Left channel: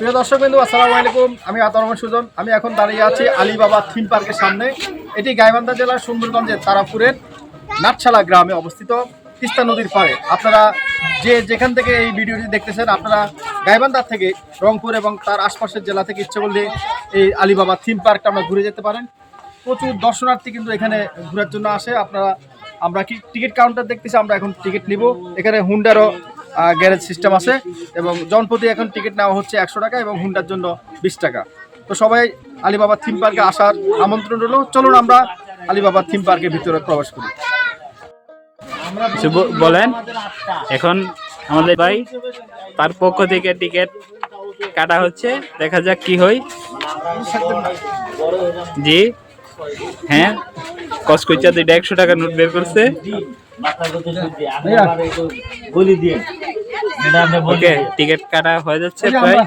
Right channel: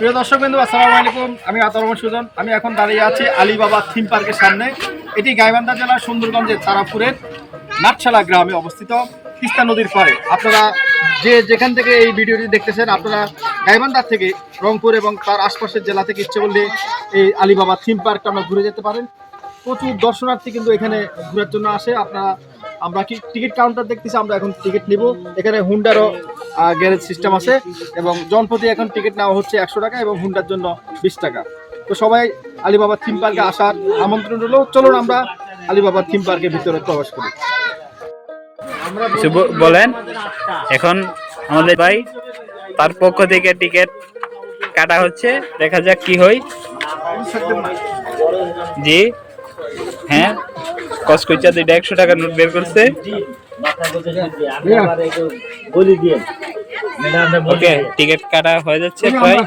প্রিয় দর্শক বিন্দু আসসালামু আলাইকুম। আমি আতর রহমান সুজন। আমি এখন দাঁড়িয়ে আছি আলিবাবা থিম পার্কের সামনে। এটি গাইবান্ধা জেলার সুন্দরগঞ্জের তারাপুরের নাটশালা গ্রামে অবস্থিত তিস্তা নদীর পাড়ে। আপনারা যে যেখান থেকে এই ভিডিওটি দেখতেছেন, আপনারা গাইবান্ধার থেকে রংপুর এবং তার আশপাশের জেলা থেকে ইচ্ছে করলে এই আলিবাবা থিম পার্কটা আমরা ঘুরে যেতে পারেন। প্রচুর দর্শনার্থী কিন্তু এখানে ঘোরার জন্য আসে। আপনারা, আমরা কি টিকিট কাউন্টার দেখতেছি, আমরা এখন টিকিট নিব। এখানে হুন্ডারও গ্যারেজ সিস্টেম আছে এবং জনপ্রতি এখন টিকিট নেওয়া হচ্ছে একশো টাকা এবং হুন্ডার জন্য বিশ টাকা। তো সবাই আলিবাবা থিম পার্কে আসার আমন্ত্রণ রইল। চলুন আমরা আলিবাবা থিম পার্কের ভিতরে প্রবেশ করি। বলেন। এখন আমাদের ভাই তার পক্ষ থেকে টিকিট কাটা হচ্ছে। দেখা যাক কি হয়। জি। হ্যাঁ। কসকইচা দুইটা একশো টাকার নোট বের করছে। বলি দিয়ে। ওকে টিকিট কাটা হয়ে যাচ্ছে প্রায়।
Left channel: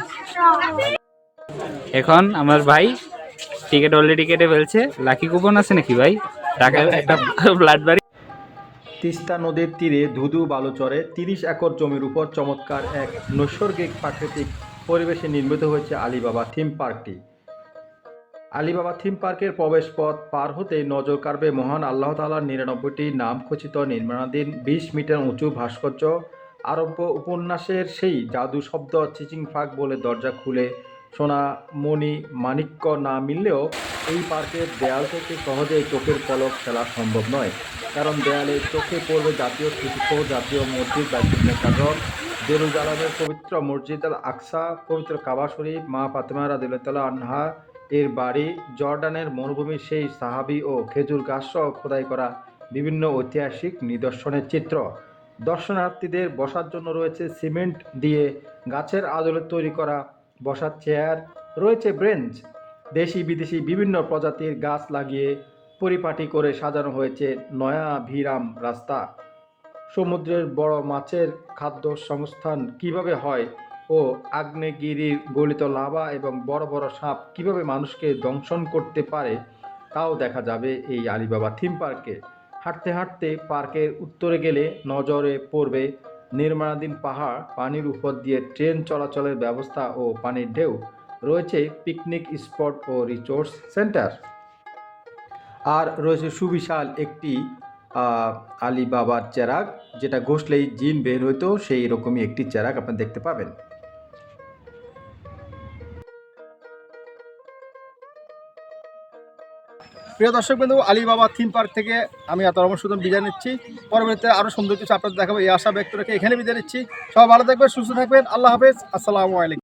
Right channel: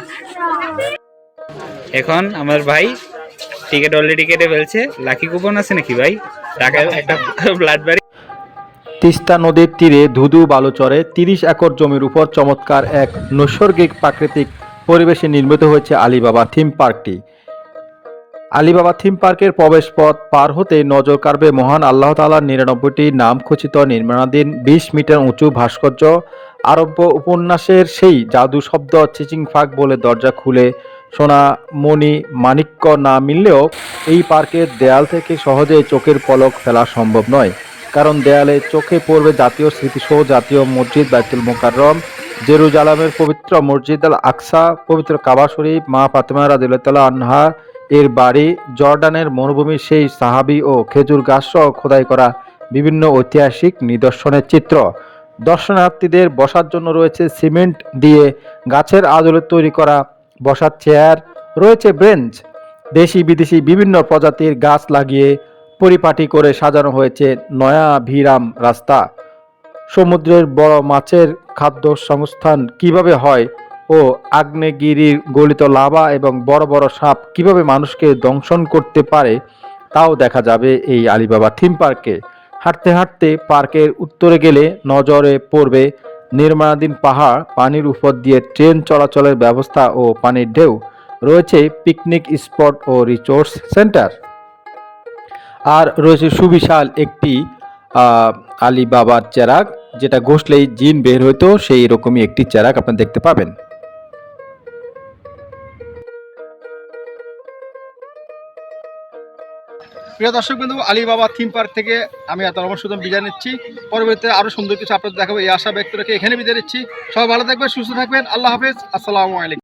এখন আমার ভাই টিকিট অলরেডি কেটে ফেলছে। লাকি কুপন আছে নাকি ভাই? টাকা একটা ব্লাড বাড়ি তিস্তা নদীর তীরে ধুধু বালুচরে তিরিশ একর জমির উপর চমৎকার এক নৈসর্গিক প্রাকৃতিক পরিবেশে নির্মিত হয়েছে আলিবাবা থিম পার্কটি। আলিবাবা থিম পার্কের প্রবেশ পথ পার হতে নজর কাড়বে মহান আল্লাহ তালার নিরানব্বইটি নাম খচিত নির্মাণাধীন বিশ মিটার উঁচু ভাস্কর্য আরব্য উপন্যাসের সেই জাদু শব্দ চিচিং ফাঁক বলে দরজা খুলে সোনা মণি মাণিক্য না মিললেও এই পার্কের দেয়াল থেকে সহজে চোখের পলক ফেলা সম্ভব নয়। কারণ দেয়ালে চোখে পড়বে জাতীয় স্মৃতিসহ জাতীয় মসজিদ, বাইতুল মোকাররম, জেরুজালামের পবিত্র মসজিদ আল আকসা, পবিত্র কাবা শরীফ, মা ফাতেমা রাদিল্লাহ আনহা, এর বাড়ি জর্ডানের মরুভূমির সেই সাহাবি ও খেজুর গাছ সহ খোদাই করা বিভিন্ন ঐতিহাসিক নিদর্শনের চিত্র। দর্শনার্থীদের বসার জন্য রয়েছে সিমেন্ট দিয়ে গাছের আদলে তৈরি করা বসার চেয়ার, রয়েছে বেঞ্চ দেশি বিদেশি বিভিন্ন প্রজাতির গাছ লাগিয়ে পরিপাটি করে সাজানো হয়েছে নয়া ভিরাম রাস্তা। সমুদ্রের বড় মাছের খাদ্য সংস্থান কীভাবে হয় ও আগ্নেয়গিরির গলিত লাভা এবং বড় বড় সাপ কীভাবে মানুষকে দংশন করতে পারে, তাও দেখা যাবে এই আলিবাবা থিম পার্কে। হাঁটতে হাঁটতে পার্কের উত্তরে গেলে নজরে পড়বে নির্মাণাধীন পাহাড়, পানির উপর দিয়ে ট্রেন চলাচলের ব্যবস্থা ও পানির ঢেউ। রয়েছে পিকনিক স্পট ও রিসোর্স সেন্টার। আর রয়েছে সুবিশাল একটি আলিবাবার চেরাক যেটা ঘষলেই জিন বের হইতো সেই রকমই একটি চেরাক আপনি দেখতে পাবেন। প্রিয় দর্শক বিন্দু আলিবাবা থিম পার্ক থেকে আমি এত রহমান সুদন বিদায় নিচ্ছি। পরবর্তীতে আরও সুন্দর কিছু আপনাদের দেখাবো, এই আশা ব্যক্ত রেখে এখানে বিদায় নিচ্ছি। সবাই ভালো থাকবেন, সুস্থ থাকবেন, আল্লাহ হাফেজ, আসসালামু আলাইকুম।